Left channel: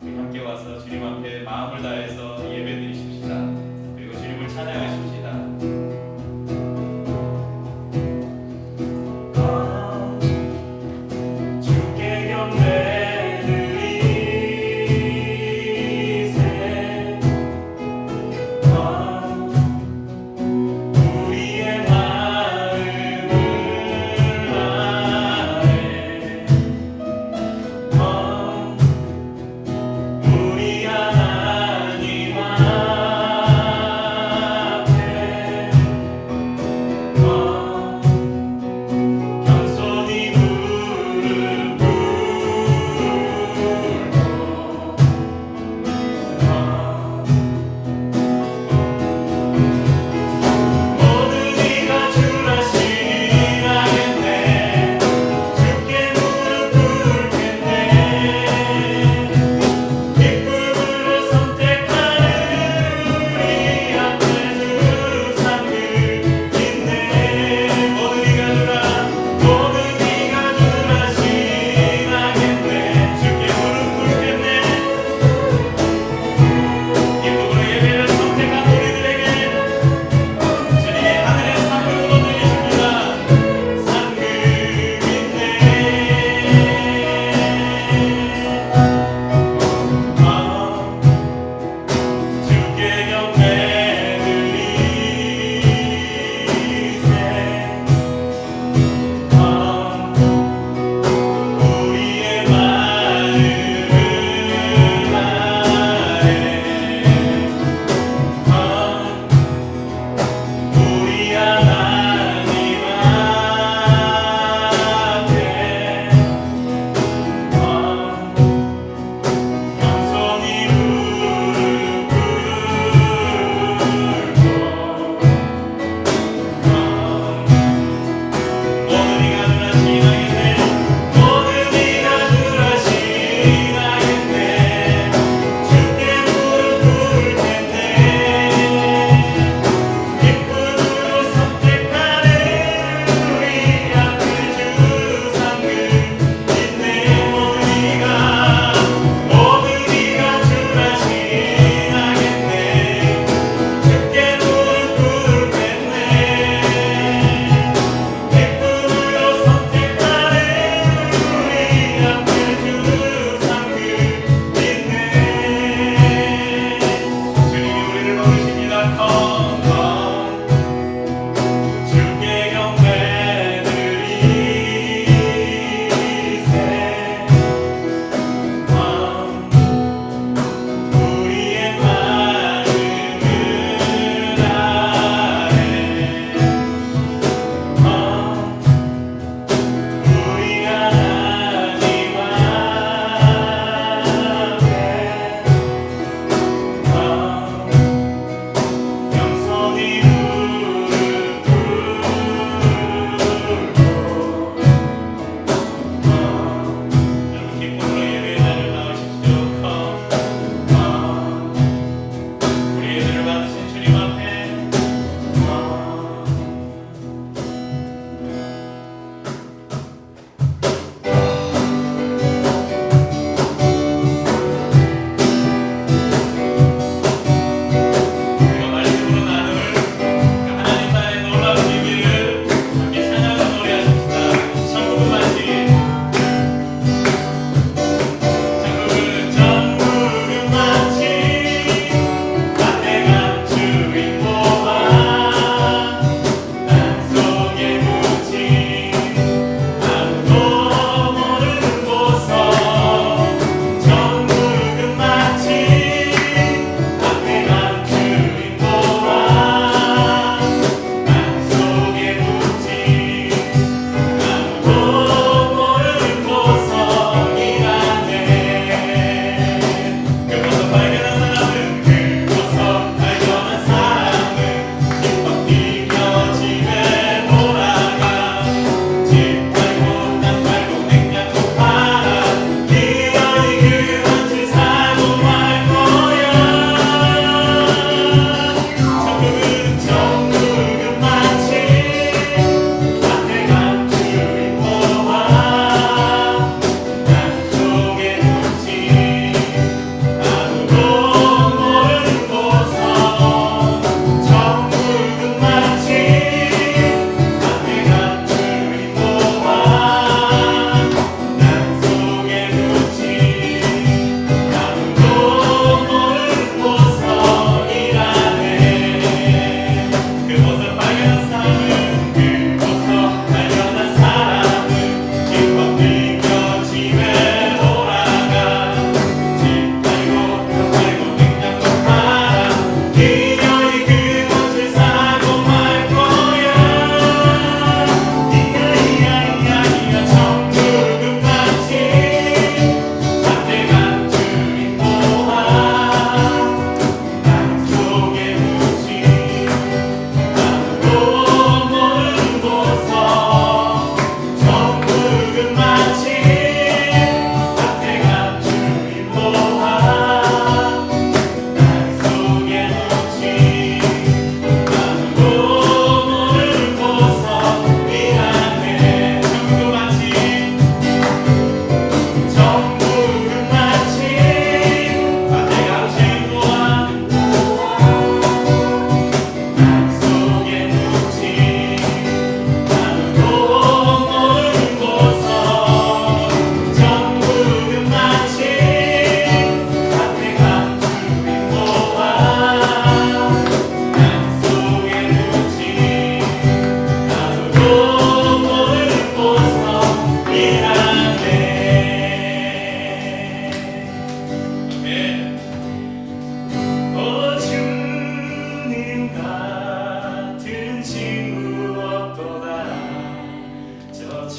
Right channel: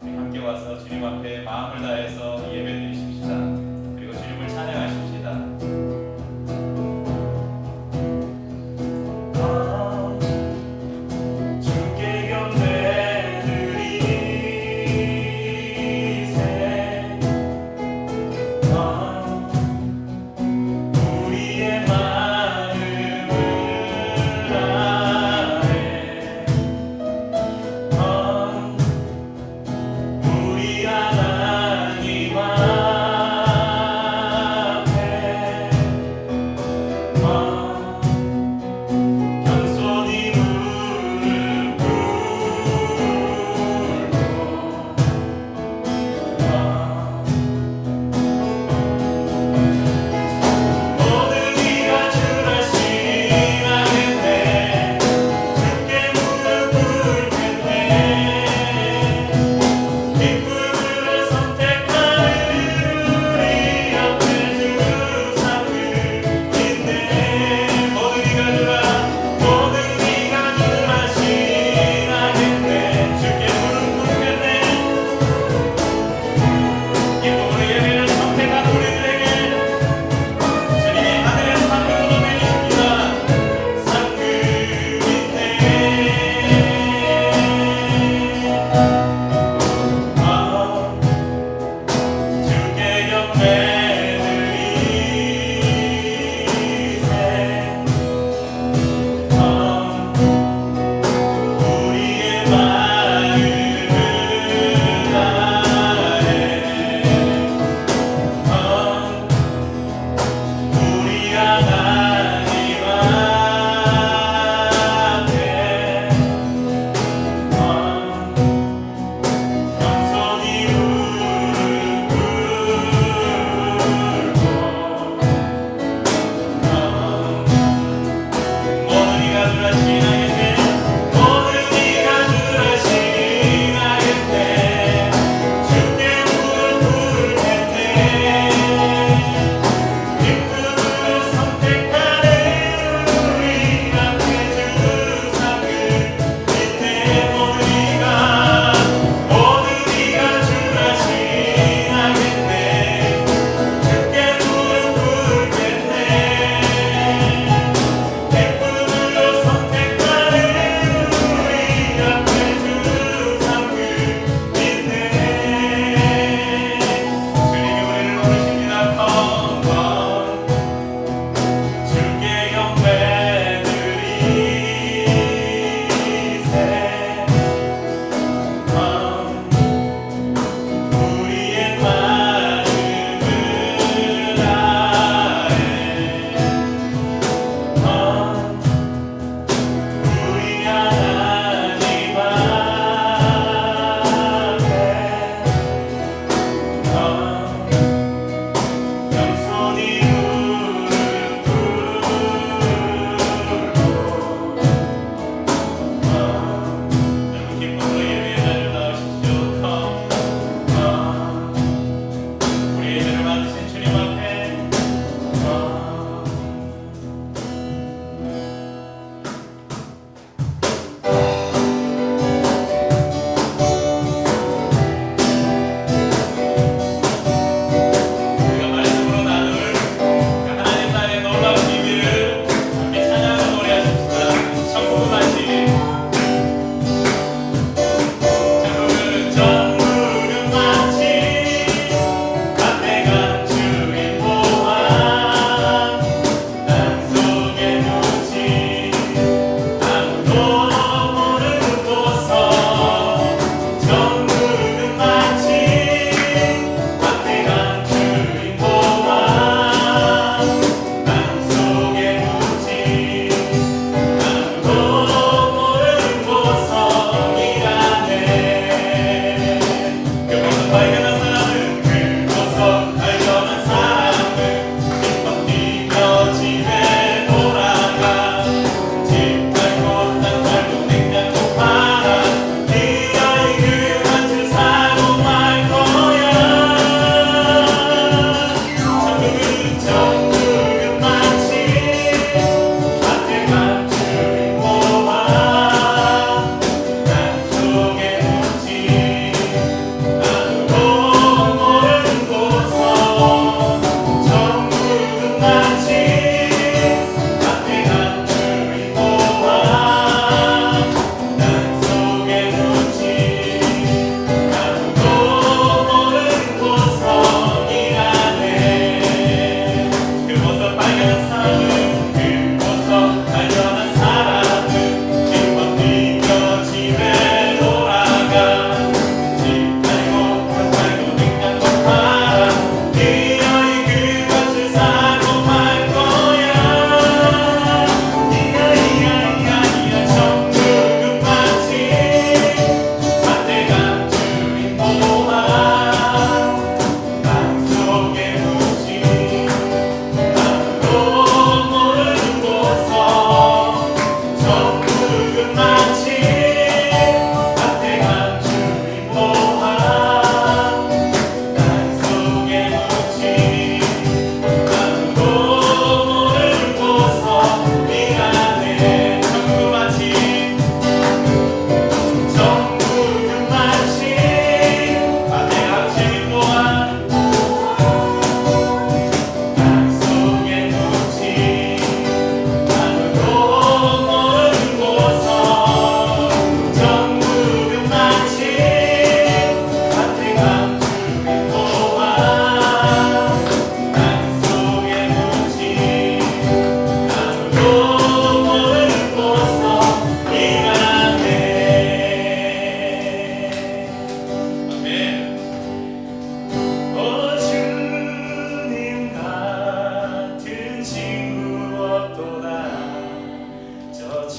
우리 함께 와서 주님 앞에 마음을 다해서 예배드리십시다. 그리고 주님을 찬양하십시다. 주께 경배드리세. 우리의 마음을 다해 우리 하나님 앞에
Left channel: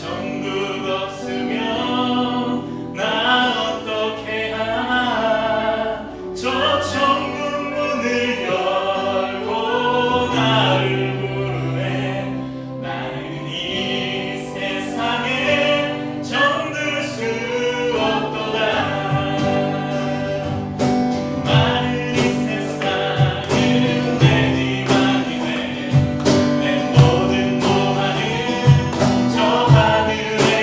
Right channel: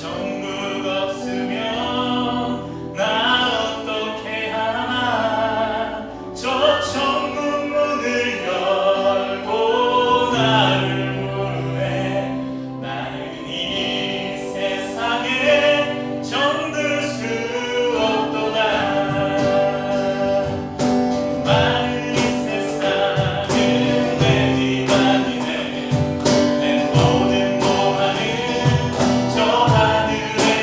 천국 없으면 나 어떻게 하나 저 천국 문을 열고 나를 부르네 나는 이 세상에 정들 수 없도다 많은 이 세상은 내 집 아니네 내 모든 보화는 저 하늘에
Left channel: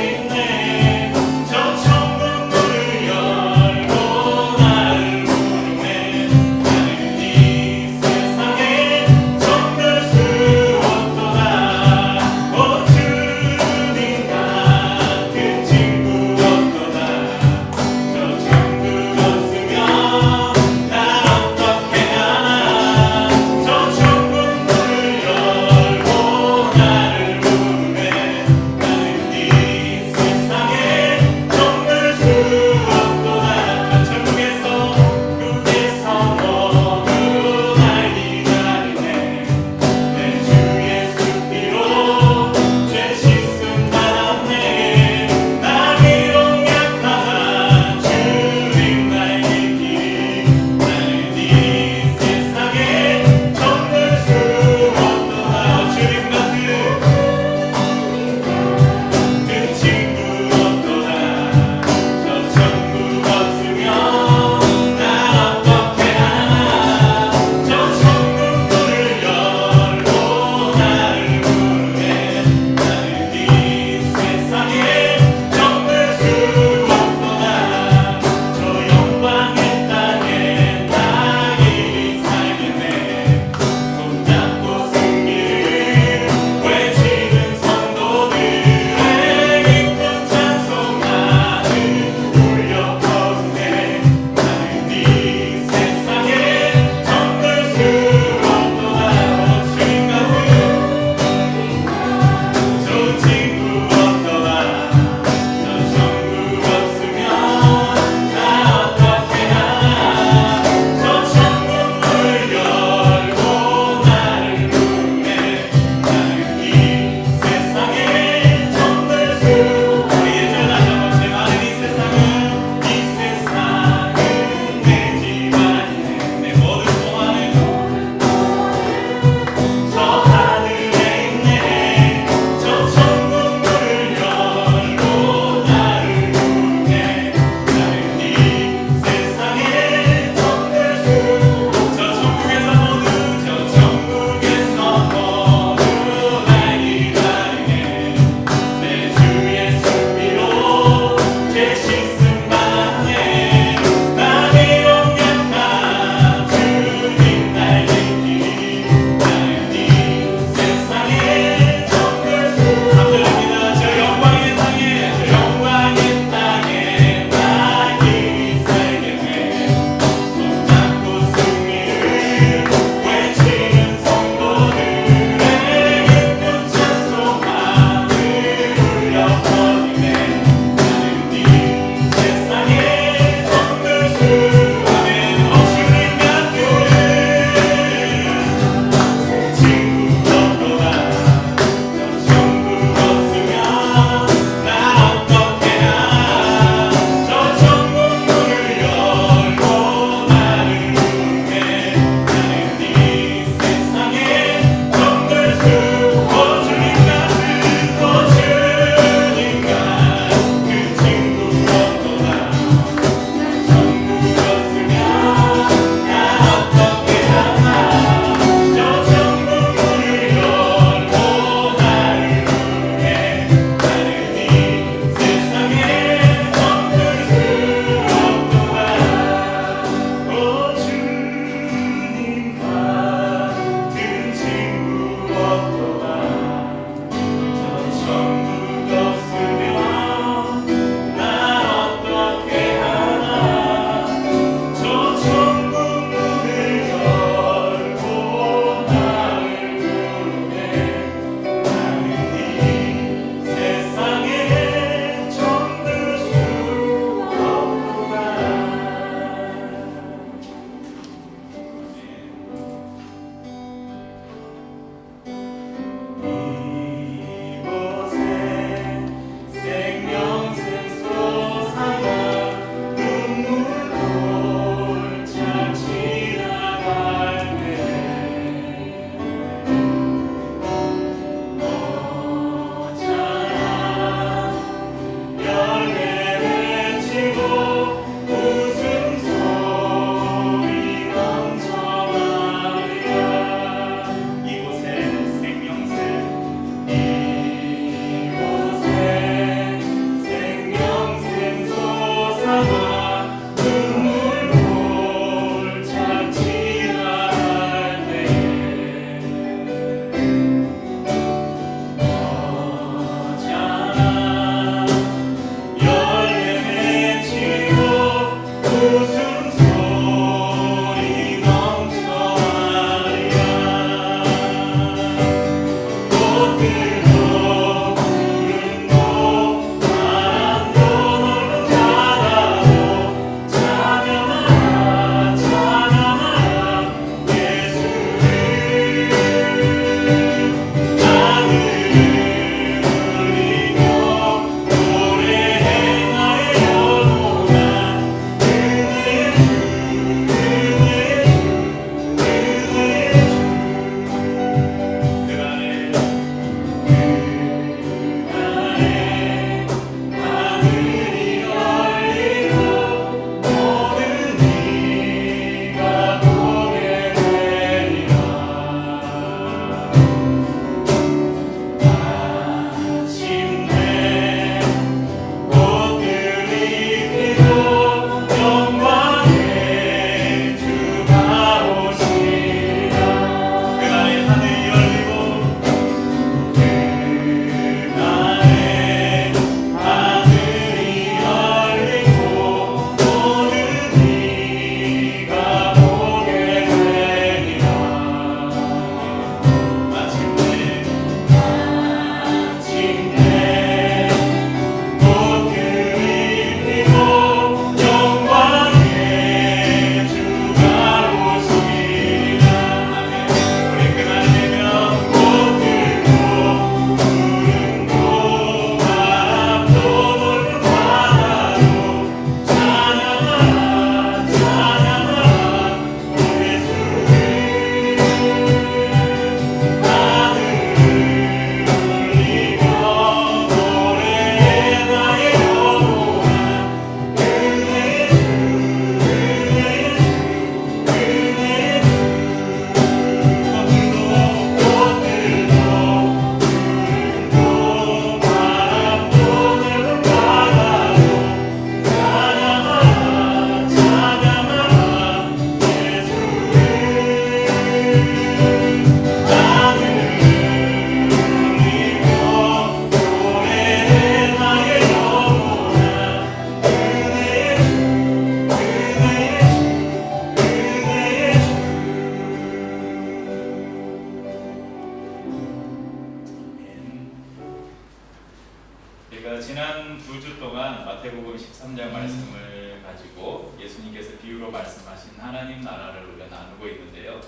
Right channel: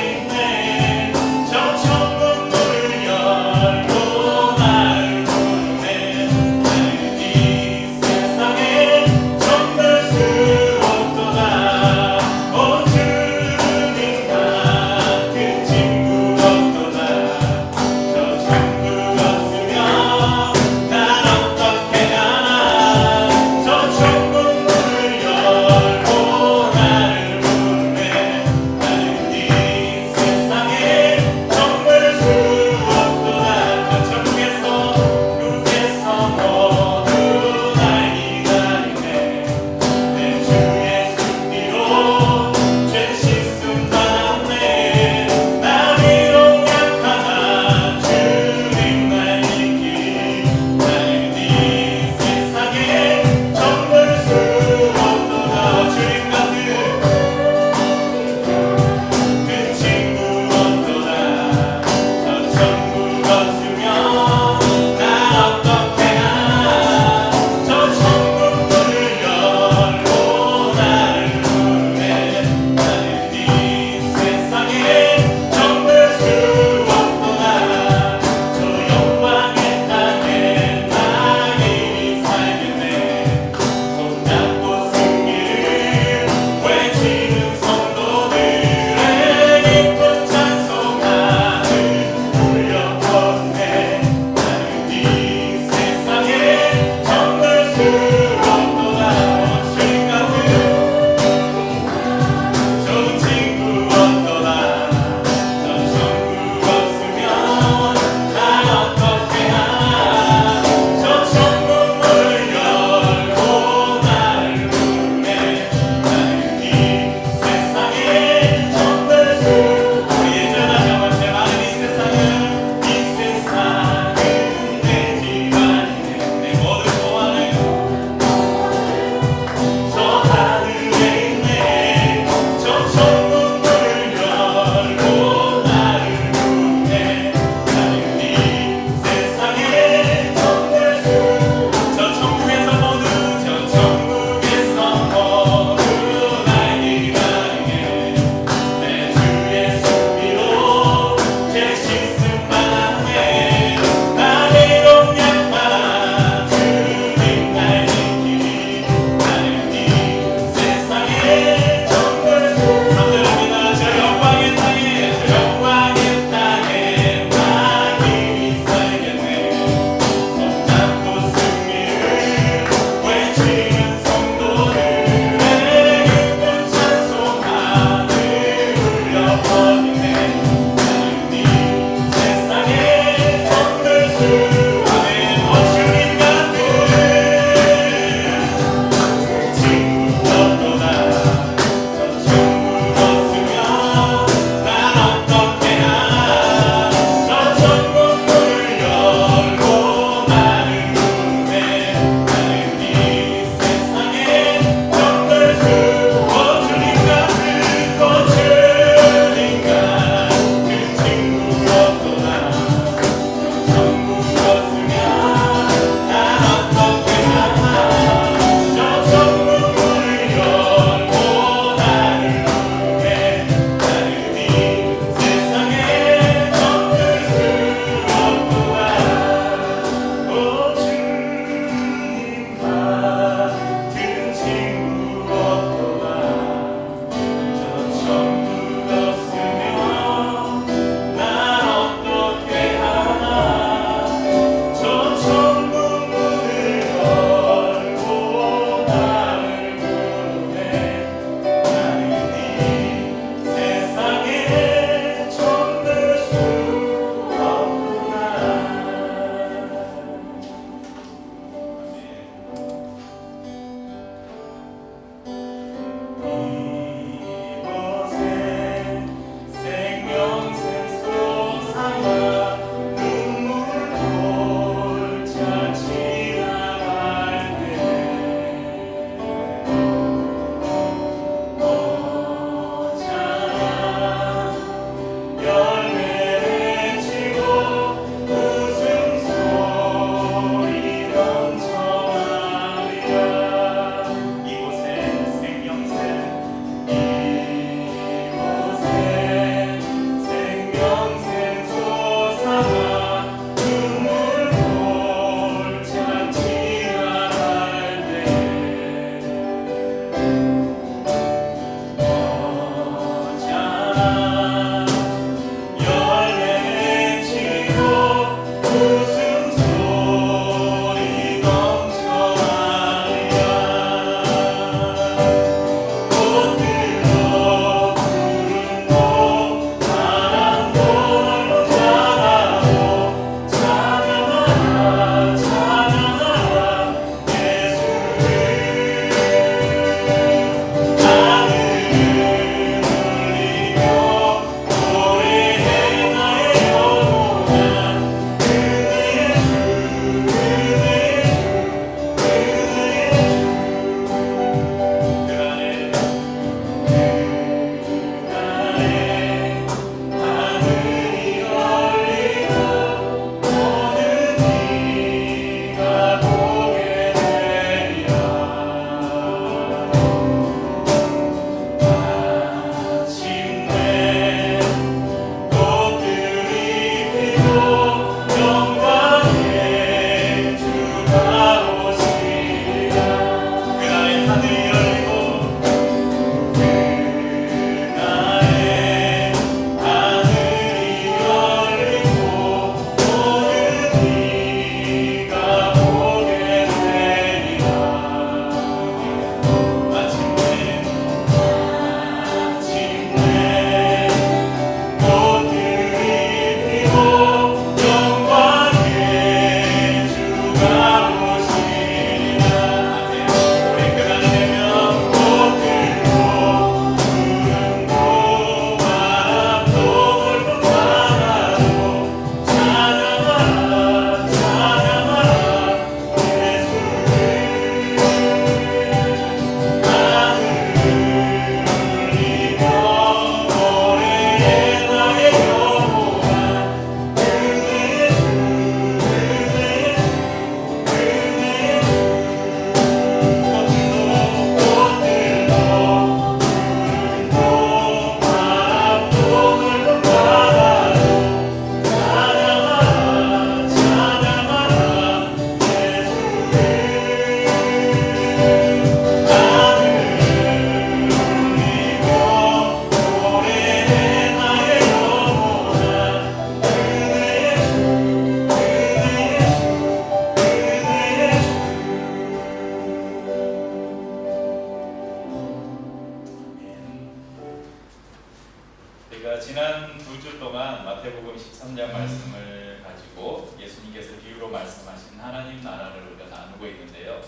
제가 지난 2주 동안 마태복음 13장 말씀을 가지고 예수님께서 비유로 말씀하신 하나님 나라를 우리가 나누고 있는데요.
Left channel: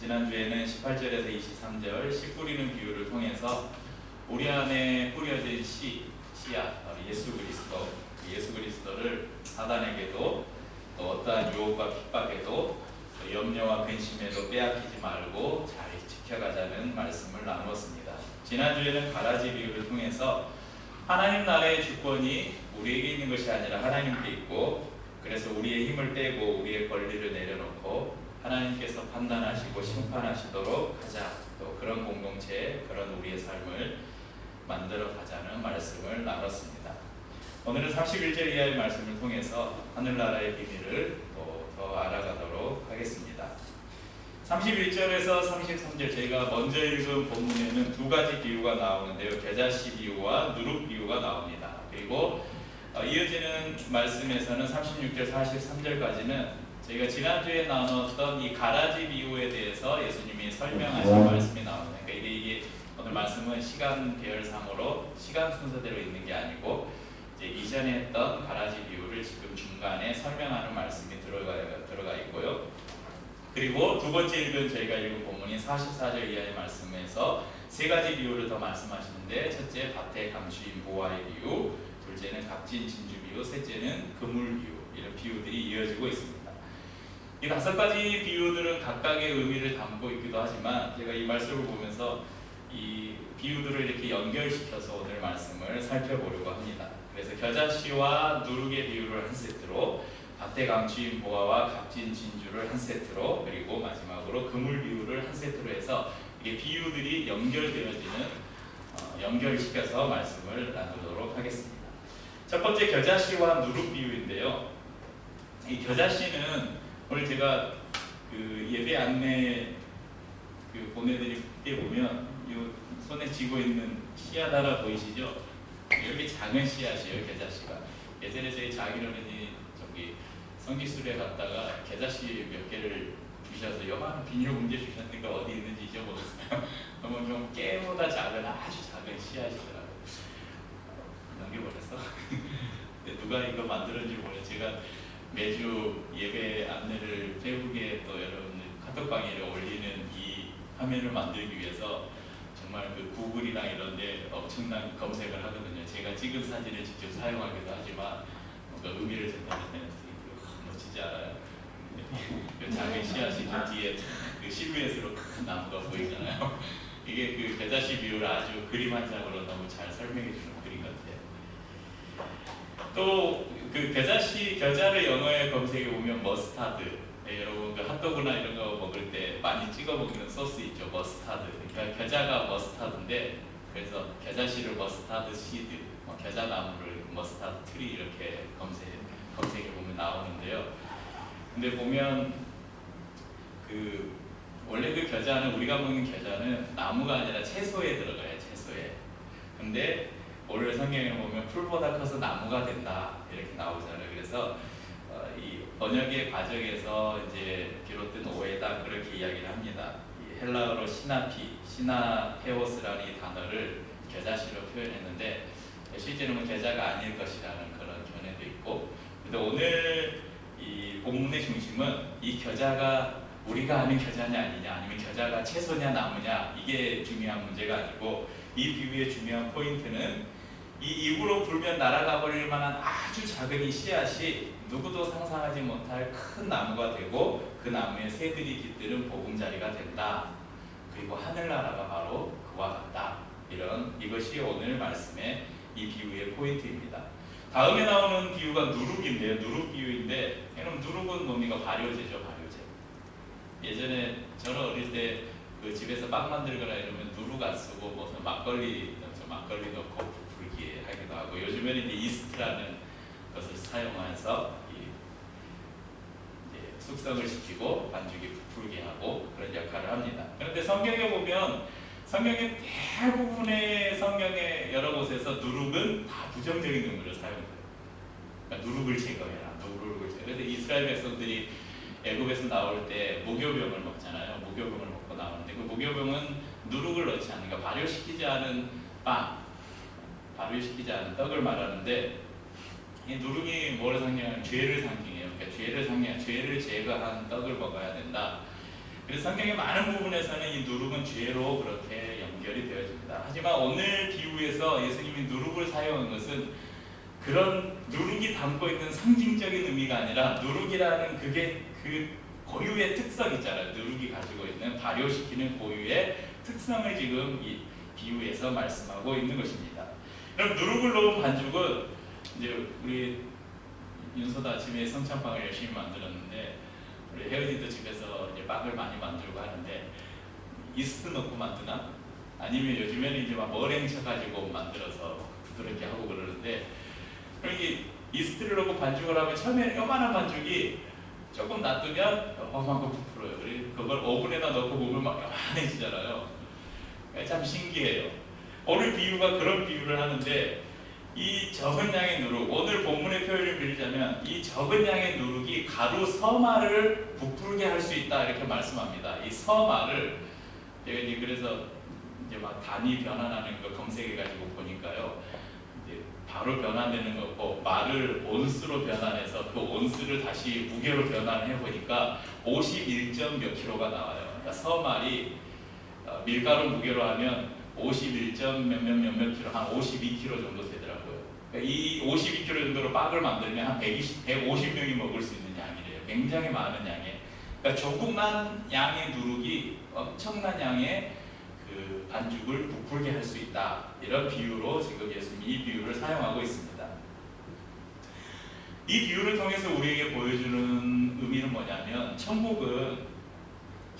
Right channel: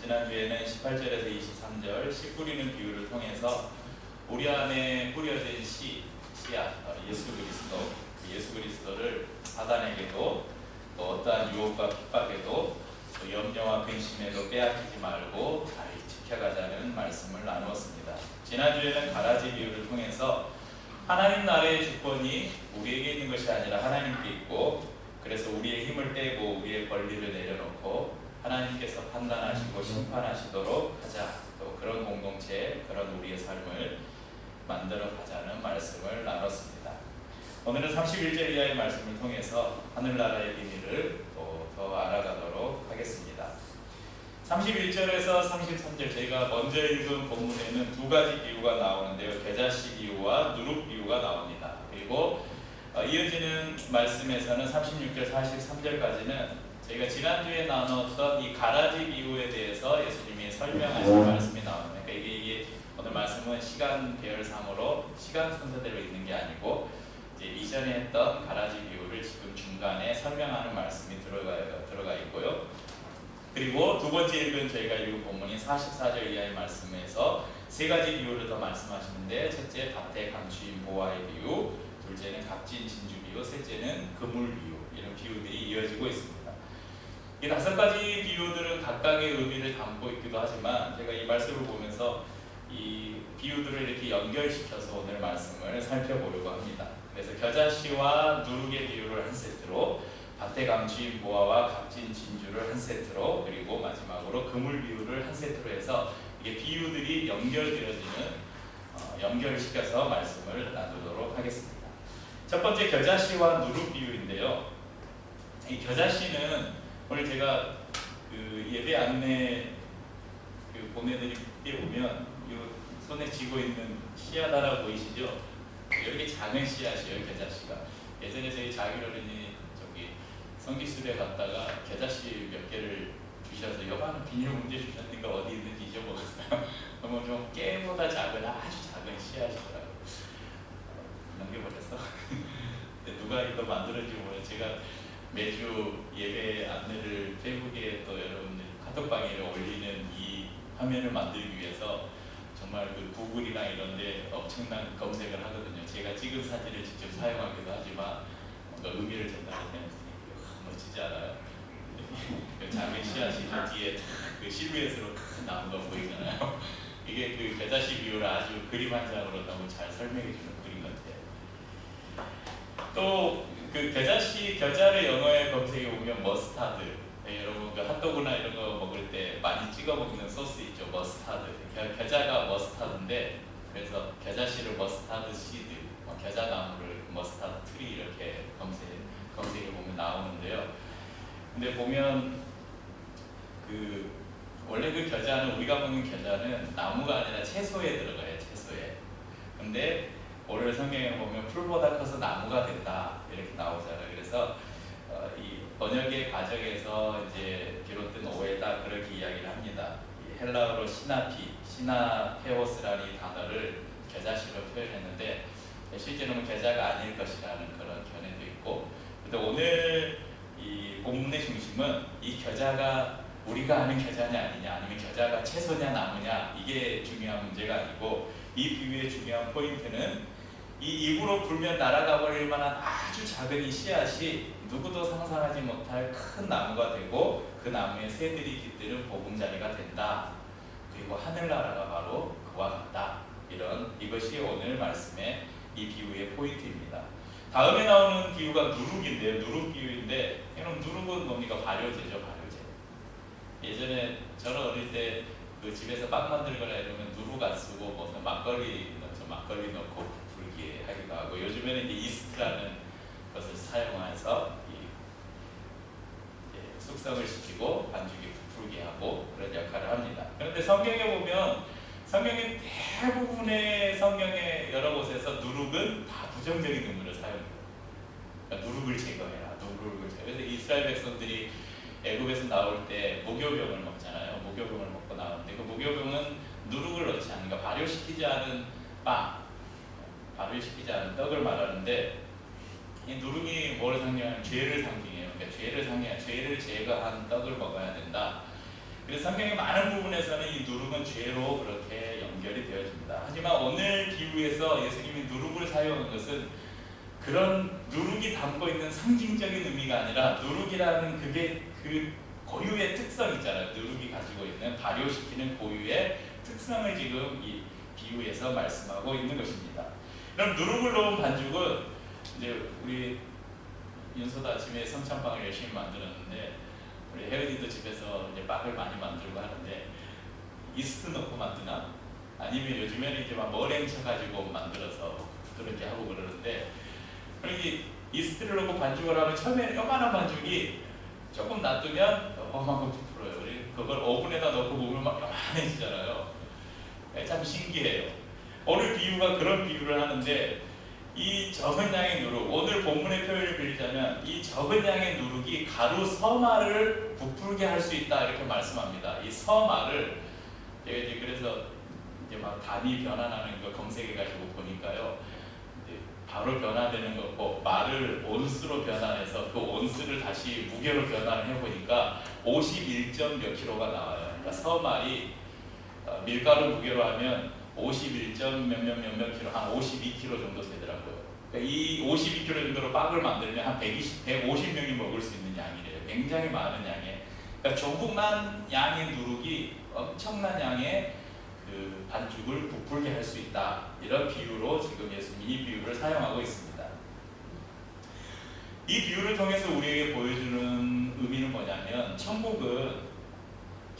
지난주에는 18절에서 23절 씨 뿌리는 비유를 통해서 우리 안에 뿌려진 씨앗 예수 그리스도를 사단에게도 또 어떠한 유혹과 핍박에도 또 염려와 근심에도 빼앗기지 말고 잘 지켜가자는 말씀을 나누었습니다. 지난주에는 가라지 비유를 통해서 하나님 나라의 주권이 우리에게 있는 것이 아니라 하나님께 있고, 그래서 우리의 힘을 빼고 우리의 권리를 내려놓고 하나님께서 판단하시고 심판하시도록 하자, 또 그런 공동체, 그런 우리의 삶을 만들어 가자는 말씀을 나눴습니다. 오늘은 31절 이하의 말씀을 통해서 하늘나라의 비밀을 또 더 알아가도록 하겠습니다. 31절에서 33절 저희가 먼저 읽은 본문에는 두 가지 비유가 나오는데요. 겨자씨 비유와 누룩 비유가 나옵니다. 그리고 이어지는 말씀에서는 36절, 43절까지는 저희가 지난주에 나눴던 이 가라지 비유에 대해서 예수님이 설명하신 말씀이 나옵니다. 그러니까 이게 오늘 말씀은 시간 계열상으로 시간 순서대로 있는 게 아니고 이제 이전에 했던 가라지 비유를 지금 중간에 설명하는 말씀이 들어가 있고요. 그리고 두 번째 읽은 저희가 읽은 본문인 44절 이하의 말씀에서 세 가지 비유를 더 말씀하시는데, 첫째 밭에 감추인 보화의 비유, 둘째는 값진 진주 비유, 셋째는 그물 비유, 이런 비유들이 이어지고 있습니다. 이 다섯 가지 비유들은 각각의 의미를 담고 있기도 하지만 제가 이 말씀을 보면서 이 비유들을 이렇게 연결시켜서 오늘 말씀을 살펴보려고 합니다. 그래서 겨자씨와 누룩의 비유를 한 세트로, 밭에 감추인 보화와 값진 진주를 한 세트로, 그리고 마지막으로 그물 비유를 한 세트로 해서 이게 비유들이 연결시켜서 말씀을 나누도록 하겠습니다. 첫 번째 겨자씨와 누룩 비유인데요. 이 겨자씨는 오늘 제가 그 예배 안내 보내드릴 때 보면 이 손에 쥐고 있는 씨앗 하나 보이시죠? 이렇게 작은 씨앗이에요, 겨자씨가. 예전에 저희 장인어른이 성지순례 갔다가 겨자씨 몇 개를 주셔서 요만한 비닐 문제 주셨으니까 어디 있는지 잊어버렸어요. 너무 좀 깨보다 작은 아주 작은 씨앗이더라고요. 넘겨버렸어. 근데 누가 이거 만들었는지 모르겠어요. 제가 매주 예배 안내를 페이북에 또 여러분들 카톡방에 올리는 이 화면을 만들기 위해서 정말 그 구글이나 이런 데 엄청난 검색을 하거든요. 제가 찍은 사진을 직접 사용하기도 하지만 뭔가 의미를 전달하는 멋지지 않아요? 그 작은 씨앗이 그 뒤에 그 실루엣으로 큰 나무가 보이잖아요. 이게 그 겨자씨 비유를 아주 그림 한 장으로 너무 잘 설명해 주는 그림 같아요. 또 그 겨자를 영어에 검색해 보면 머스타드, 여러분 그 핫도그나 이런 거 먹을 때 많이 찍어 먹는 소스 있죠, 머스타드. 겨자가 머스타드인데, 그래서 겨자씨를 머스타드 시드, 겨자나무를 머스타드 트리 이렇게 검색해 보면 나오는데요. 근데 보면 원래 그 겨자는, 우리가 먹는 겨자는 나무가 아니라 채소에 들어가요, 채소에. 근데 오늘 성경에 보면 풀보다 커서 나무가 된다 이렇게 나오잖아요. 그래서 이 번역의 과정에서 이제 비롯된 오해다 그렇게 이야기를 합니다. 이 헬라어로 시나테오스라는 이 단어를 겨자씨로 표현했는데 실제로는 겨자가 아닐 것이라는 그런 견해도 있고, 근데 오늘 이 본문의 중심은 이 겨자가 우리가 아는 겨자냐 아니냐, 아니면 겨자가 채소냐 나무냐, 이게 중요한 문제가 아니고, 이 비유의 중요한 포인트는 이 입으로 불면 날아가 버릴 만한 아주 작은 이 씨앗이 누구도 상상하지 못할 큰 나무가 되고, 그 나무에 새들이 깃드는 보금자리가 된다. 그리고 하늘나라가 바로 그와 같다. 이것이 오늘 말씀의 이 비유의 포인트입니다. 다음에 나오는 비유가 누룩인데요. 누룩 비유인데, 여러분 누룩은 뭡니까? 발효제죠, 발효제. 예전에 저는 어릴 때 그 집에서 빵 만들거나 이러면 누룩 안 쓰고 무슨 막걸리 넣고 부풀게 하기도 하고, 요즘에는 이제 이스트라는 것을 사용해서 이제 숙성을 시키고 반죽이 부풀게 하고 그런 역할을 합니다. 그런데 성경에 보면, 성경의 대부분의 성경의 여러 곳에서 누룩은 다 부정적인 의미로 사용돼요. 그러니까 누룩을 제거해라, 누룩을 제거. 그래서 이스라엘 백성들이 애굽에서 나올 때 무교병을 먹잖아요. 무교병을 먹고 나오는데 그 무교병은 누룩을 넣지 않으니까 발효시키지 않은 빵, 발효시키지 않은 떡을 말하는데, 이 누룩이 뭐를 상징하냐면 죄를 상징해요. 그러니까 죄를 제거한 떡을 먹어야 된다. 그래서 성경의 많은 부분에서는 이 누룩은 죄로 그렇게 연결이 되어집니다. 하지만 오늘 비유에서 예수님이 누룩을 사용한 것은 그런 누룩이 담고 있는 상징적인 의미가 아니라, 누룩이라는 그게 그 고유의 특성 있잖아요. 누룩이 가지고 있는 발효시키는 고유의 특성을 지금 이 비유에서 말씀하고 있는 것입니다. 그럼 누룩을 넣은 반죽은, 이제 우리 윤서도 아침에 성찬빵을 열심히 만들었는데, 우리 혜은이도 집에서 이제 빵을 많이 만들고 하는데, 이스트 넣고 만드나? 아니면 요즘에는 이제 막 머랭 쳐가지고 만들어서 부드럽게 하고 그러는데, 그러니까 이스트를 넣고 반죽을 하면 처음에는 요만한 반죽이 조금 놔두면 요만큼 부풀어요. 그걸 오븐에다 넣고 보면 막 요만해지잖아요. 참 신기해요. 오늘 비유가 그런 비유를 하는데, 이 적은 양의 누룩, 오늘 본문의 표현을 빌리자면 이 적은 양의 누룩이 가루 서말을 부풀게 할 수 있다, 이렇게 말씀합니다. 이 서말을 제가 이제 그래서 이제 막 단위 변환하는 거 검색해가지고 보니까요, 이제 바로 변화되는 거고, 말을 온수로 변환해서 그 온수를 다시 무게로 변환해 보니까 51점 몇 킬로가 나와요. 그러니까 서말이 밀가루 무게로 하면 51점 몇몇 킬로, 한 52킬로 정도 되더라고요. 그러니까 이 52킬로 정도로 빵을 만들면 한 150명이 먹을 수 있는 양이래요. 굉장히 많은 양의, 그러니까 조그만 양의 누룩이 엄청난 양의 그 반죽을 부풀게 할 수 있다, 이런 비유로 지금 예수님이 이 비유를 사용하고 있습니다. 이 비유를 통해서 우리에게 보여주는 의미는 뭐냐면, 천국은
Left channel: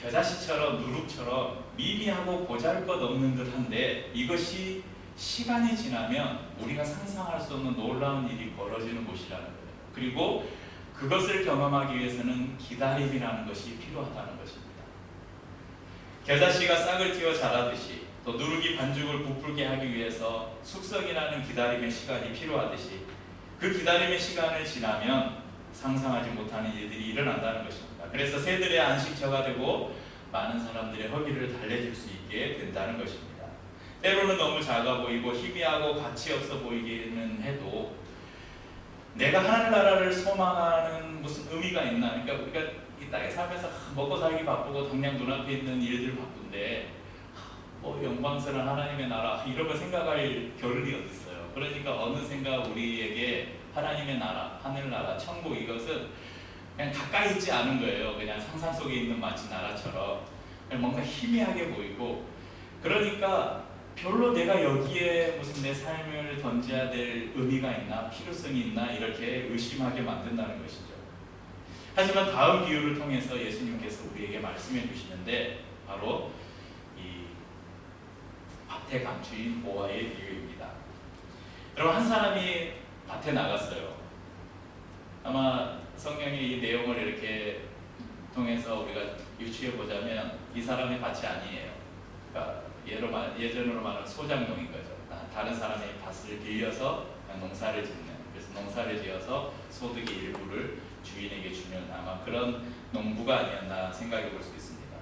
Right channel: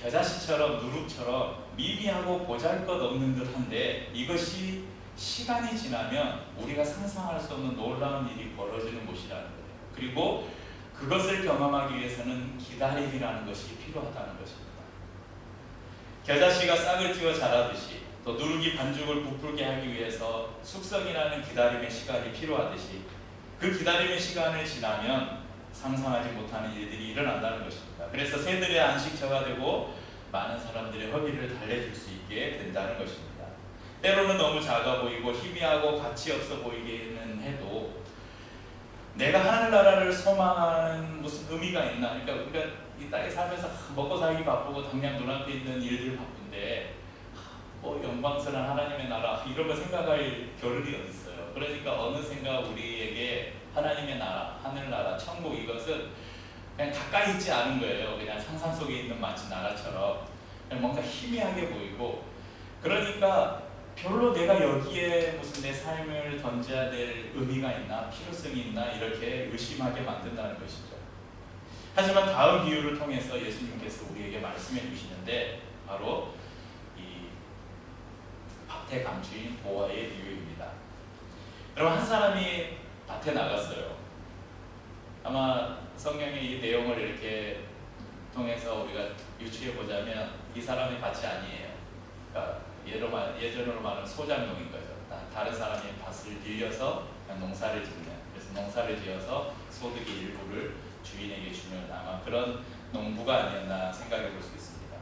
겨자씨처럼 누룩처럼 미미하고 보잘것없는 듯한데, 이것이 시간이 지나면 우리가 상상할 수 없는 놀라운 일이 벌어지는 곳이라는 거예요. 그리고 그것을 경험하기 위해서는 기다림이라는 것이 필요하다는 것입니다. 겨자씨가 싹을 틔워 자라듯이, 또 누룩이 반죽을 부풀게 하기 위해서 숙성이라는 기다림의 시간이 필요하듯이, 그 기다림의 시간을 지나면 상상하지 못하는 일들이 일어난다는 것입니다. 그래서 새들의 안식처가 되고 많은 사람들의 허기를 달래줄 수 있게 된다는 것입니다. 때로는 너무 작아 보이고 희미하고 가치 없어 보이기는 해도, 내가 하늘나라를 소망하는 무슨 의미가 있나? 그러니까 우리가 이 땅에 살면서 먹고 살기 바쁘고 당장 눈앞에 있는 일들 바쁜데, 뭐 영광스러운 하나님의 나라 이런 거 생각할 겨를이 어디 있어요. 그러니까 어느샌가 우리에게 하나님의 나라, 하늘나라, 천국, 이것은 그냥 가까이 있지 않은 거예요. 그냥 상상 속에 있는 마치 나라처럼 그냥 뭔가 희미하게 보이고, 그러니까 별로 내가 여기에 무슨 내 삶을 던져야 될 의미가 있나, 필요성이 있나, 이렇게 의심하게 만든다는 것이죠. 하지만 다음 비유를 통해서 예수님께서 우리에게 말씀해 주시는데, 바로 이 밭에 감추인 보화의 비유입니다. 여러분, 한 사람이 밭에 나갔어요. 아마 성경의 이 내용을 이렇게 통해서 우리가 유추해 보자면, 이 사람이 밭이 아니에요. 그러니까 예전으로 말하면 소작농인 거죠. 다른 사람의 밭을 빌려서 농사를 짓는, 그래서 농사를 지어서 소득의 일부를 주인에게 주는, 아마 그런 농부가 아니었나 생각해 볼 수 있습니다.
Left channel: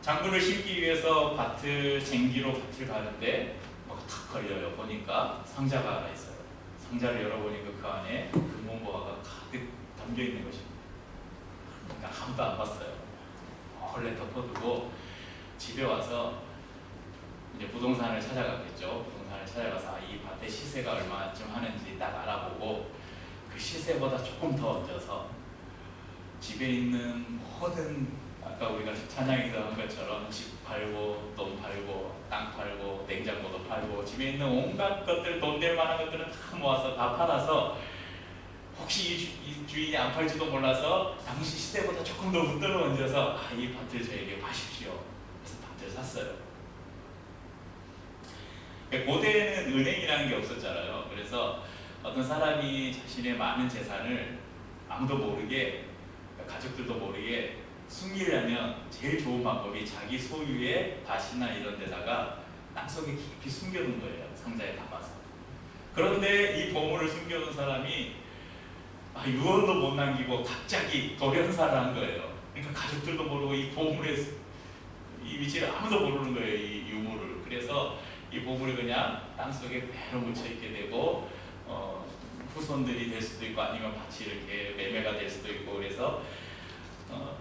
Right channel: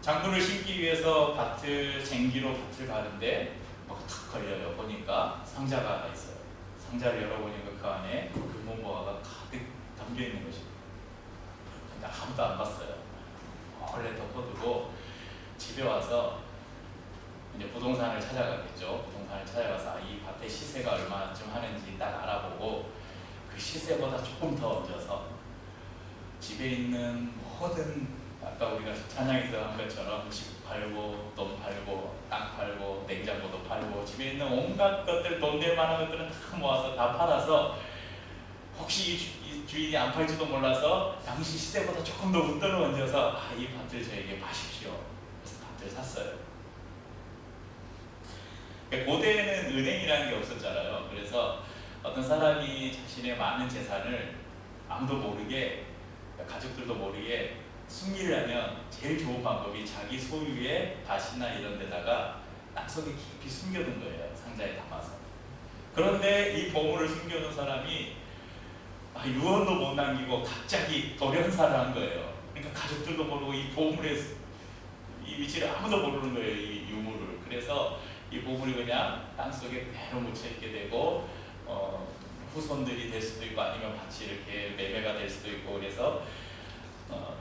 작물을 심기 위해서 쟁기로 밭을 가는데 뭐가 탁 걸려요. 보니까 상자가 하나 있어요. 상자를 열어보니까 그 안에 금은보화가 가득 담겨 있는 것입니다. 근데 아무도 안 봤어요. 원래 덮어두고 집에 와서 이제 부동산을 찾아갔겠죠. 부동산을 찾아가서 이 밭의 시세가 얼마쯤 하는지 딱 알아보고, 그 시세보다 조금 더 얹어서 집에 있는 모든, 아까 우리가 찬양에서 한 것처럼 집 팔고 돈 팔고 땅 팔고 냉장고도 팔고 집에 있는 온갖 것들, 돈 될 만한 것들은 다 모아서 다 팔아서, 혹시 이 주인이 안 팔지도 몰라서 당시 시세보다 조금 더 웃돈을 얹어서 이 밭을 저에게 파십시오. 그래서 밭을 샀어요. 고대에는 은행이라는 게 없었잖아요. 그래서 어떤 사람이 자신의 많은 재산을 아무도 모르게, 가족들도 모르게 숨기려면 제일 좋은 방법이 자기 소유의 밭이나 이런 데다가 땅속에 깊이 숨겨둔 거예요. 상자에 담아서. 그런데 이 보물을 숨겨둔 사람이 유언도 못 남기고 갑자기 돌연사를 한 거예요. 그러니까 가족들도 모르고 이 보물의 이 위치를 아무도 모르는 거예요. 이 유물을. 그래서 이 보물이 그냥 땅속에 그대로 묻혀 있게 되고 후손들이 될 수도 있고 아니면 밭이 이렇게 매매가 될 수도 있고 그래서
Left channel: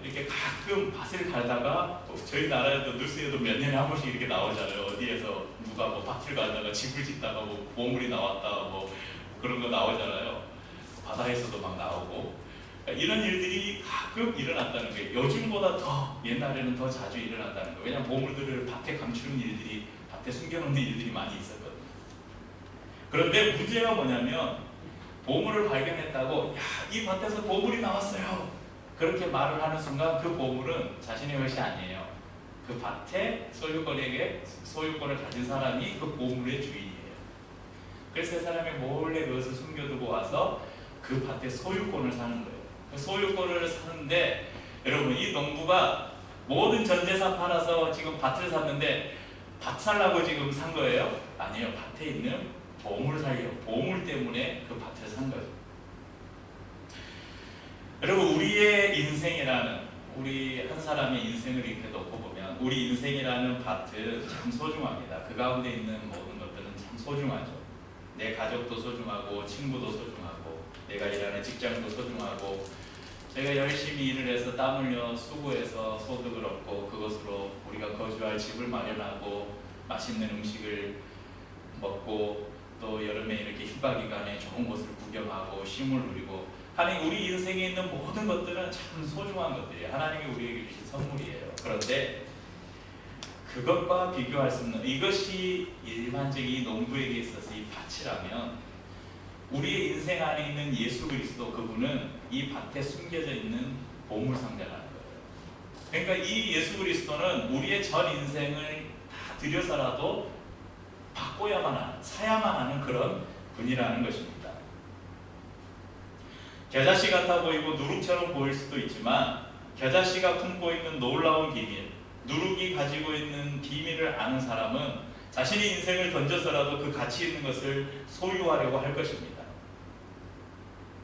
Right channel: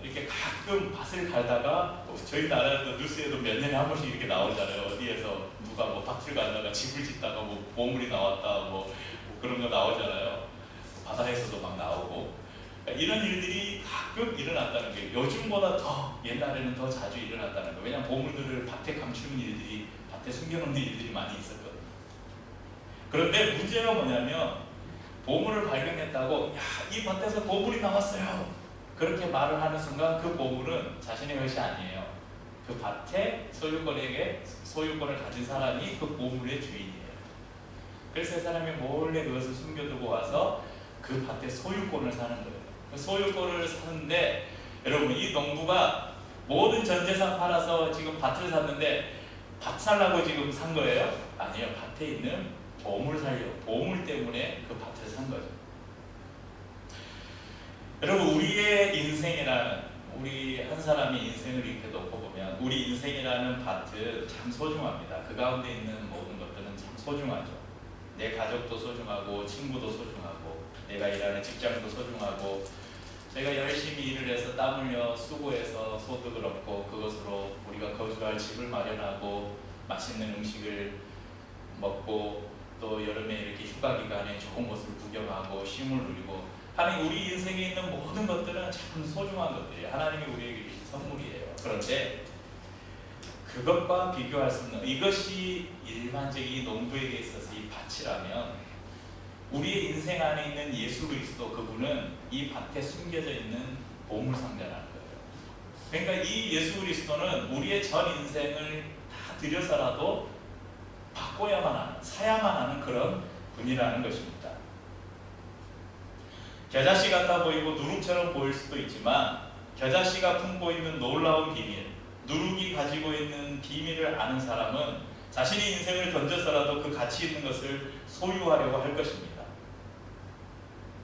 이렇게 가끔 밭을 갈다가 저희 나라에도 뉴스에도 몇 년에 한 번씩 이렇게 나오잖아요. 어디에서 누가 뭐 밭을 갈다가 집을 짓다가 뭐 보물이 나왔다 뭐 그런 거 나오잖아요. 바다에서도 막 나오고 이런 일들이 가끔 일어났다는 거예요. 요즘보다 더 옛날에는 더 자주 일어났다는 거예요. 왜냐하면 보물들을 밭에 감추는 일들이 밭에 숨겨놓는 일들이 많이 있었거든요. 그런데 문제가 뭐냐면 보물을 발견했다고 이 밭에서 보물이 나왔어요 그렇게 말을 하는 순간 그 보물은 자신의 것이 아니에요. 그 밭의 소유권을 가진 사람이 그 보물의 주인이에요. 그래서 그 사람이 몰래 그것을 숨겨두고 와서 그 밭의 소유권을 사는 거예요. 그 소유권을 사는데 여러분 이 농부가 모든 전 재산 팔아서 지금 밭을 샀는데 밭 살라고 지금 산 거예요? 아니에요. 밭에 있는 보물 살려 보물 때문에 그 밭을 산 거죠. 여러분 우리의 인생이라는 우리 한 사람의 인생을 이렇게 놓고 보면 우리 인생이라는 밭은 참 소중합니다. 그 가운데 있는 모든 것들은 참 소중하죠. 내 가족도 소중하고 친구도 소중하고 내가 일하는 직장도 소중하고 제가 열심히 일을 해서 땀 흘려 수고해서 소득을 얻고 그것으로 우리가 거주할 집을 마련하고 맛있는 음식을 먹고 또 여름에 이렇게 휴가 기간에 좋은 곳을 구경하고 쉼을 누리고 하나님 우리 인생에 있는 모든 것들은 참 소중한 것들이에요. 하나님이 우리에게 주신 선물이에요. 그런데 그것과 비교할 수 없는 이것이 일반적인 농부에게 있어서 이 밭이라면 우리의 인생 안에 있는 예수 그리스도 그분은 이 밭에 숨겨져 있는 보물상자라는 거예요. 그러니까 이 예수 그리스도는 우리의 전 인생을 다 들여서라도 바꿔야만 하는 사야만 하는 그런 분이라는 것입니다. 겨자씨 같아 보이고 누룩처럼 보일 수도 있지만 겨자씨가 품고 있는 놀라운 비밀 누룩이 가지고 있는 비밀을 아는 사람은 자신의 인생을 던져서라도 그 가치 있는 것을 소유하려고 할 것입니다.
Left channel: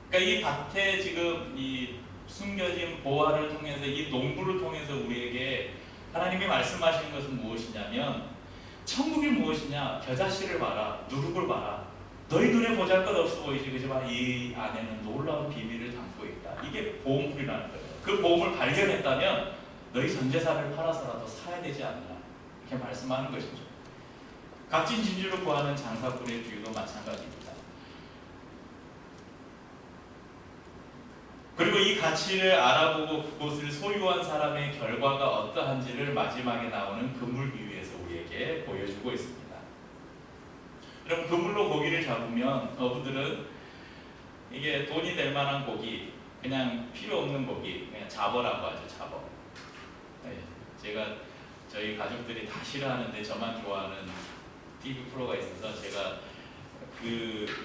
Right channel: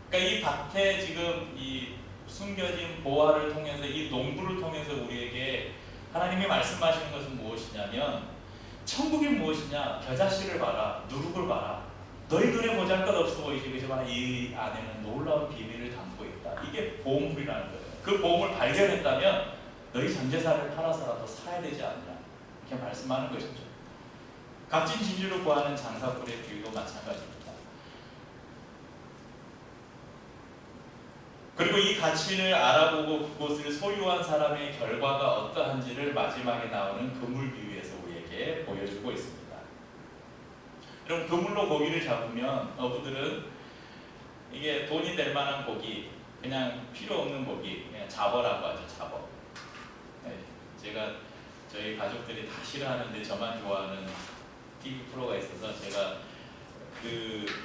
그러니까 이 밭에 지금 이 숨겨진 보화를 통해서 이 농부를 통해서 우리에게 하나님이 말씀하시는 것은 무엇이냐면 천국이 무엇이냐 겨자씨를 봐라 누룩을 봐라 너희 눈에 보잘것없어 보이지 그지만 이 안에는 놀라운 비밀을 담고 있다. 이게 보물이라는 거예요. 그 보물을 발견했다면 너희 전 재산을 팔아서라도 사야 되지 않냐 이렇게 말씀하는 것이죠. 값진 진주를 구하는 장사꾼의 비유도 마찬가지입니다. 그리고 이 가치를 알아보고 그것을 소유한 사람의 결과가 어떠한지를 마지막에 나오는 그물 비유에서 우리에게 보여주고 있습니다. 여러분 그물로 고기를 잡으면 어부들은 이게 돈이 될 만한 고기 그냥 필요 없는 고기 그냥 잡어라고 하죠. 잡어. 네, 제가 저희 가족들이 다 싫어하는데 저만 좋아하는 TV 프로가 있어서 제가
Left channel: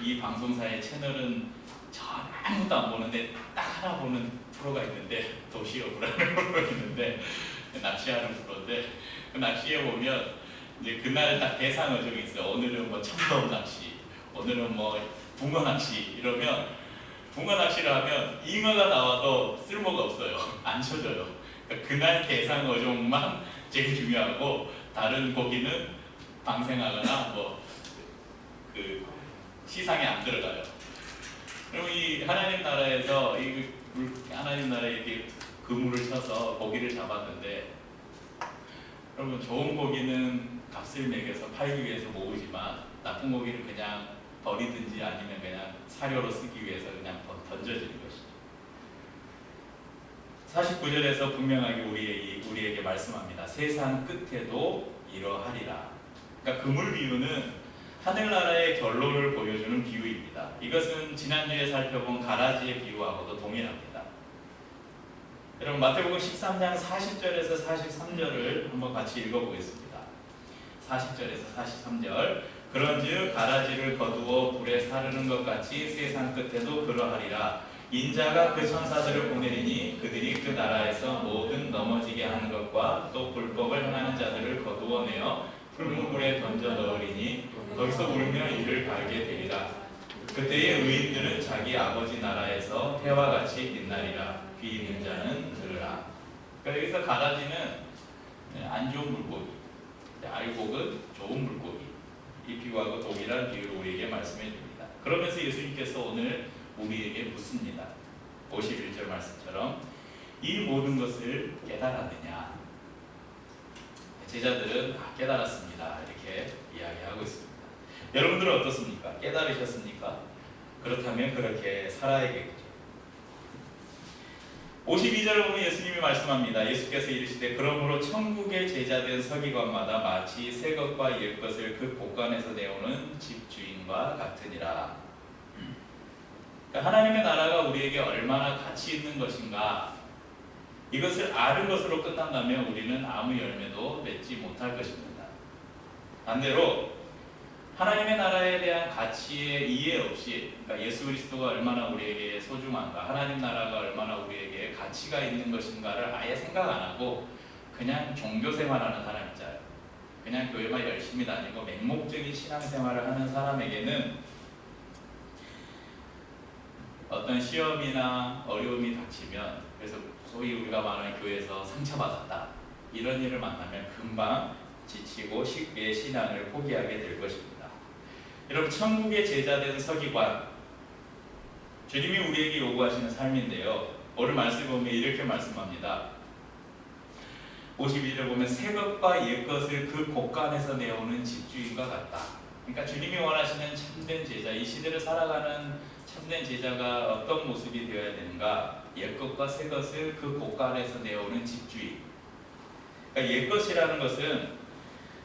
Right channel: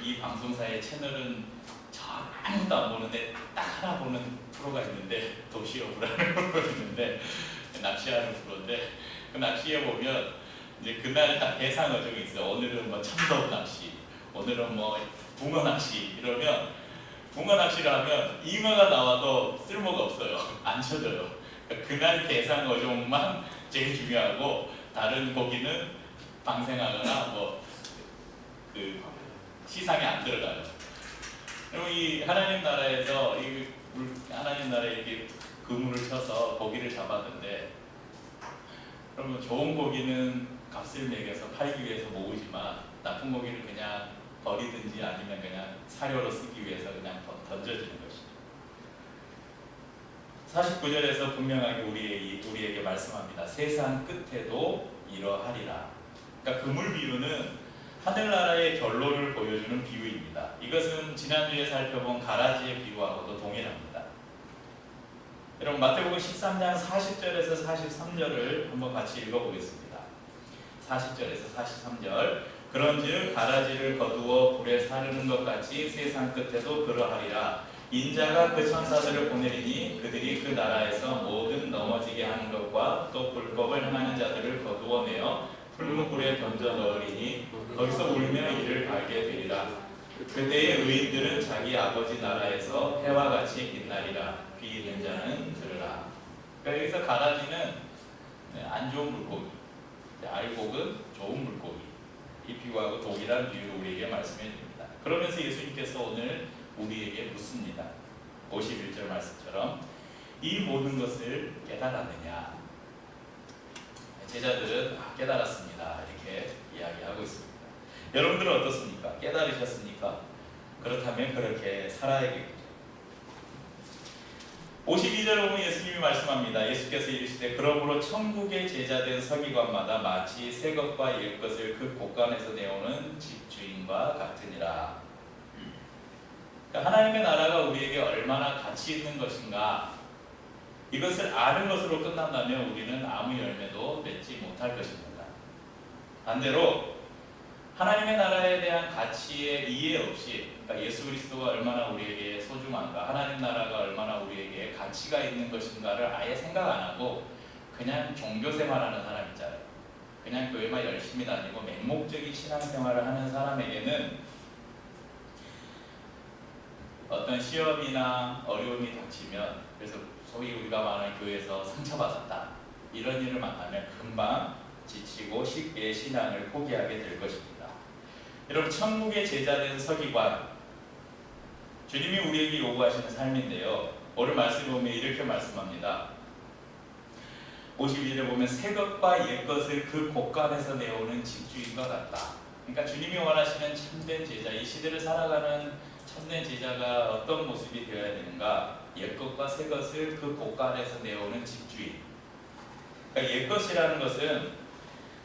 이 방송사의 채널은 전 아무것도 안 보는데 딱 하나 보는 프로가 있는데 도시어부라는 프로가 있는데 낚시하는 프로인데 그 낚시에 보면 이제 그날 딱 대상 어종이 있어요. 오늘은 뭐 참돔 낚시, 오늘은 뭐 붕어 낚시 이러면 붕어 낚시를 하면 잉어가 나와도 쓸모가 없어요. 안 쳐져요. 그러니까 그날 대상 어종만 제일 중요하고 다른 고기는 방생하거나 뭐 그 시상에 안 들어가요. 그리고 이 하나님 나라에서 하나님 나라에 이렇게 그물을 쳐서 고기를 잡았는데 그러면 좋은 고기는 값을 매겨서 팔기 위해서 모으지만 나쁜 고기를 그냥 버리든지 아니면 그냥 사료로 쓰기 위해서 그냥 던져지는 것이죠. 49절에서 분명하게 우리에게 말씀합니다. 세상 끝에도 이러하리라. 그러니까 그물 비유는 하늘나라의 결론을 보여주는 비유입니다. 이것은 지난주에 살펴본 가라지의 비유하고도 동일합니다. 여러분 마태복음 13장 40절에서 43절을 한번 같이 읽어보겠습니다. 40절에서 43절 그런즉 가라지를 거두어 불에 사르는 것 같이 세상 끝에도 그러하리라. 인자가 그 천사들을 보내리니 그들이 그 나라에서 모든 넘어지게 하는 것과 또 불법을 행하는 자들을 거두어내어 풀무불에 던져 넣으리니 거기서 울며 이를 갈게 되리라. 그때의 의인들은 자기 아버지 나라에서 해와 같이 빛나리라. 귀 있는 자는 들으라. 그러니까 여기서 가라지는 안 좋은 물고기, 알곡은 좋은 물고기. 이 비유하고 동일한 비유를 우리에게 말씀해 줍니다. 그러면서 예수님께서 오늘 우리에게 묻습니다. 51절 말씀처럼 이 모든 것을 깨달았느냐? 제자들은 깨달았습니다. 이렇게 이야기하고 있습니다. 여러분들은 어떻습니까? 깨달으셨습니까? 그렇다면 그렇게 살아야겠죠. 52절 보면 예수님이 말씀합니다. 예수께서 이르시되 그러므로 천국의 제자된 서기관마다 마치 새 것과 옛 것을 그 곳간에서 내오는 집주인과 같으니라. 그러니까 하나님의 나라가 우리에게 얼마나 가치 있는 것인가, 이것을 아는 것으로 끝난다면 우리는 아무 열매도 맺지 못할 것입니다. 반대로 하나님의 나라에 대한 가치의 이해 없이, 그러니까 예수 그리스도가 얼마나 우리에게 소중한가, 하나님 나라가 얼마나 우리에게 가치가 있는 것인가를 아예 생각 안 하고 그냥 종교 생활하는 사람 있잖아요. 그냥 교회만 열심히 다니고 맹목적인 신앙생활을 하는 사람에게는 어떤 시험이나 어려움이 닥치면, 그래서 소위 우리가 말하는 교회에서 상처받았다, 이런 일을 만나면 금방 지치고 쉽게 신앙을 포기하게 될 것입니다. 여러분, 천국의 제자된 서기관, 주님이 우리에게 요구하시는 삶인데요, 오늘 말씀을 보면 이렇게 말씀합니다. 52절에 보면 새 것과 옛 것을 그 곳간에서 내오는 집주인과 같다. 그러니까 주님이 원하시는 참된 제자, 이 시대를 살아가는 참된 제자가 어떤 모습이 되어야 되는가? 옛 것과 새 것을 그 곳간에서 내오는 집주인. 그러니까 옛 것이라는 것은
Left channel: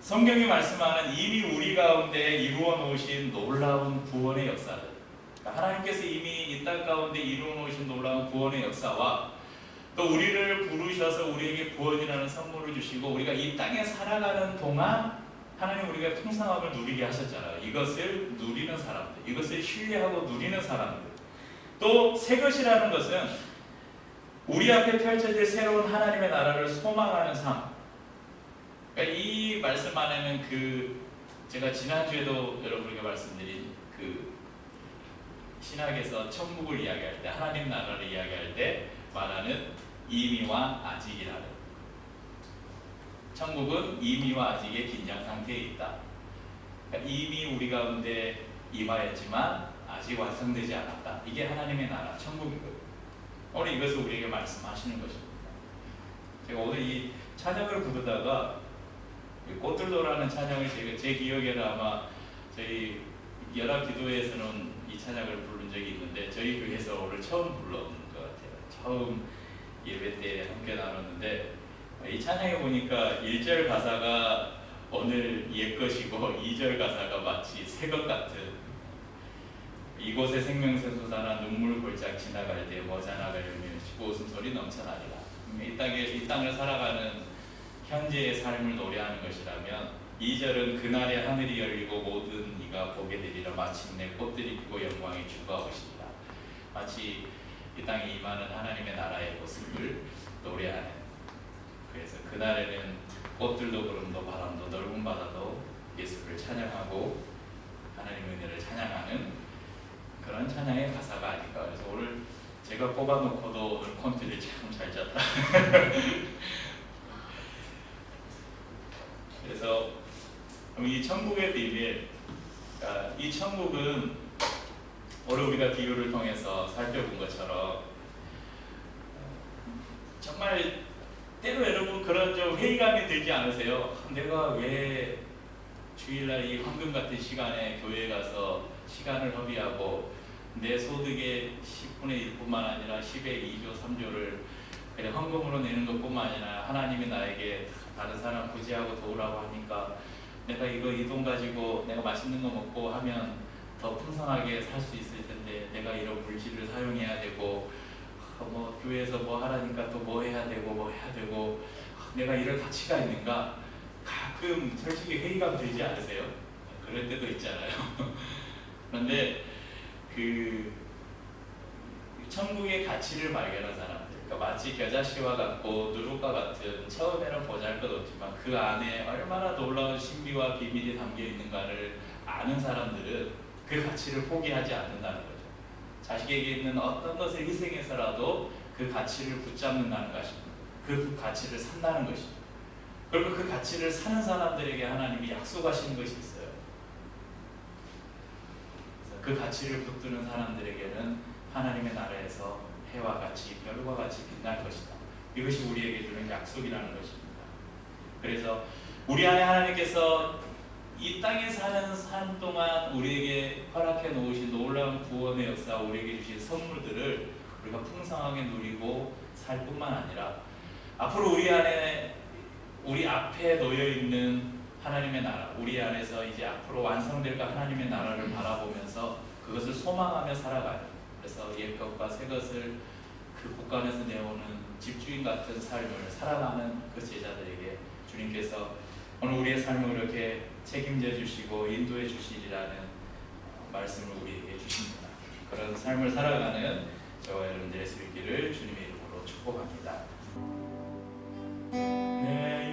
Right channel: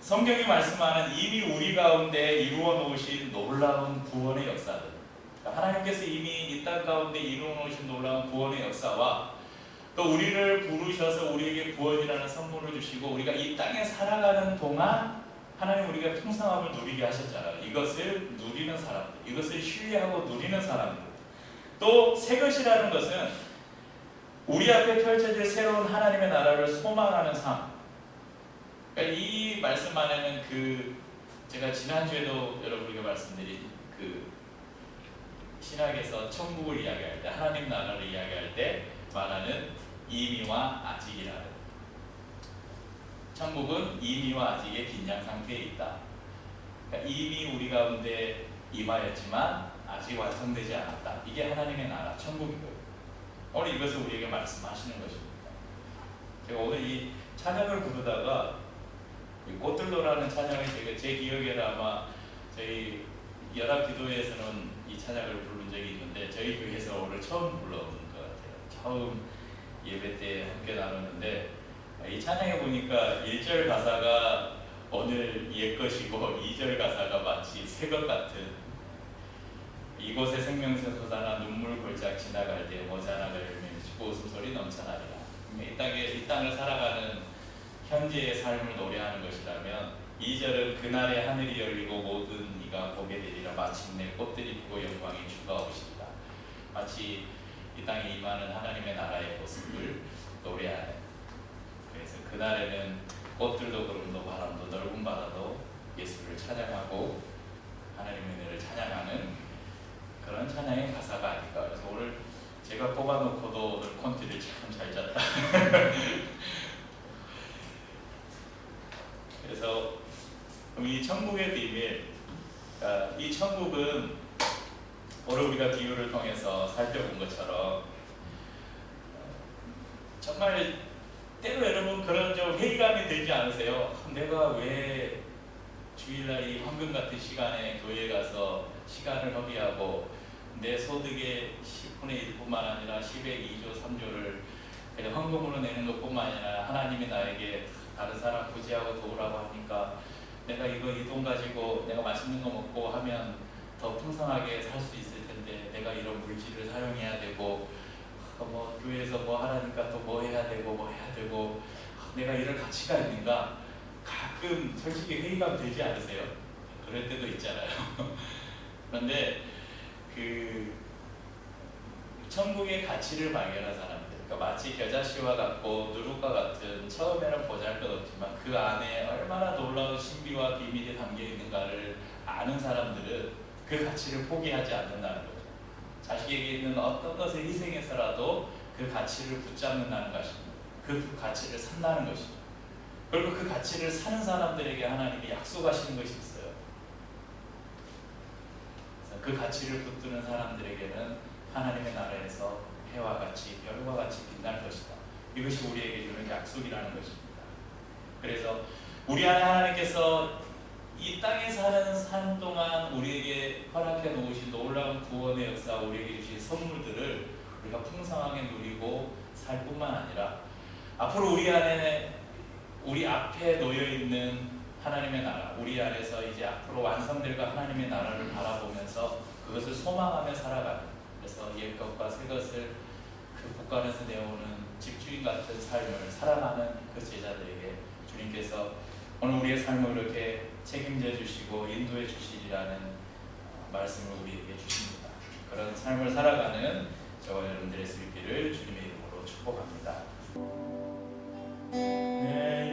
성경이 말씀하는 이미 우리 가운데 이루어 놓으신 놀라운 구원의 역사들, 그러니까 하나님께서 이미 이 땅 가운데 이루어 놓으신 놀라운 구원의 역사와 또 우리를 부르셔서 우리에게 구원이라는 선물을 주시고 우리가 이 땅에 살아가는 동안 하나님 우리가 풍성함을 누리게 하셨잖아요. 이것을 누리는 사람들, 이것을 신뢰하고 누리는 사람들. 또 새 것이라는 것은 우리 앞에 펼쳐질 새로운 하나님의 나라를 소망하는 삶. 그러니까 이 말씀 안에는 제가 지난주에도 여러분에게 말씀드린 신학에서 천국을 이야기할 때, 하나님 나라를 이야기할 때 말하는 이미와 아직이라는, 천국은 이미와 아직의 긴장 상태에 있다. 그러니까 이미 우리 가운데 임하였지만 아직 완성되지 않았다. 이게 하나님의 나라, 천국이거든요. 오늘 이것을 우리에게 말씀하시는 것입니다. 제가 오늘 이 찬양을 부르다가 꽃들도라는 찬양을 제 기억에는 아마 저희 연합기도회에서는 이 찬양을 부른 적이 있는데 저희 교회에서 오늘 처음 불러본 것 같아요. 처음 예배 때 함께 나눴는데, 이 찬양에 보니까 1절 가사가 오늘 옛것이고 2절 가사가 마치 새것 같은, 이곳에 생명새 솟아나 눈물 골짝 지나갈 때 모자나가 열매를 치고 웃음소리 넘쳐나리라. 이 땅을 살아가는 현재의 삶을 노래하는 것이라면 2절은 그날의 하늘이 열리고 모든 이가 보게 되리라. 마침내 꽃들이 피고 영광의 주가 오시리라. 마치 이 땅에 임하는 하나님의 나라의 모습을 노래하는, 그래서 그날에는 꽃들도 구름도 바람도 넓은 바다도 예수를 찬양하고 하나님의 은혜를 찬양하는 그런 찬양의 가사가 아닐까. 그래서 오늘 제가 뽑아놓고도 오늘 콘티를 참 잘 짰다. 그래서 이 천국의 비밀, 이 천국은 오늘 우리가 비유를 통해서 살펴본 것처럼 정말 때로 여러분 그런 좀 회의감이 들지 않으세요? 내가 왜 주일날 이 황금 같은 시간에 교회에 가서 시간을 허비하고 내 소득의 10분의 1뿐만 아니라 10의 2조 3조를 그냥 헌금으로 내는 것뿐만 아니라 하나님이 나에게 다른 사람 구제하고 도우라고 하니까 내가 이 돈 가지고 내가 맛있는 거 먹고 하면 더 풍성하게 살 수 있을 텐데 내가 이런 물질을 사용해야 되고 뭐 교회에서 뭐 하라니까 또 뭐 해야 되고 내가 이럴 가치가 있는가? 가끔 솔직히 회의감 들지 않으세요? 그럴 때도 있잖아요. 그런데 천국의 가치를 발견한 사람들, 그러니까 마치 겨자씨와 같고 누룩과 같은 처음에는 보잘것없지만 그 안에 얼마나 놀라운 신비와 비밀이 담겨 있는가를 아는 사람들은 그 가치를 포기하지 않는다는 거죠. 자식에게 있는 어떤 것을 희생해서라도 그 가치를 붙잡는다는 것입니다. 그 가치를 산다는 것입니다. 그리고 그 가치를 사는 사람들에게 하나님이 약속하시는 것이 있어요. 그 가치를 붙드는 사람들에게는 하나님의 나라에서 해와 같이 별과 같이 빛날 것이다. 이것이 우리에게 주는 약속이라는 것입니다. 그래서 우리 안에 하나님께서 이 땅에 사는 삶 동안 우리에게 허락해 놓으신 놀라운 구원의 역사, 우리에게 주신 선물들을 우리가 풍성하게 누리고 살 뿐만 아니라 앞으로 우리 앞에 놓여 있는 하나님의 나라, 우리 안에서 이제 앞으로 완성될 하나님의 나라를 바라보면서 그것을 소망하며 살아가는, 그래서 옛것과 새것을 그 국간에서 내오는 집주인 같은 삶을 살아가는 그 제자들에게 주님께서 오늘 우리의 삶을 이렇게 책임져 주시고 인도해 주시리라는 말씀을 우리에게 주십니다. 그런 삶을 살아가는 저와 여러분들의 수 있기를 주님의 이름으로 축복합니다. 내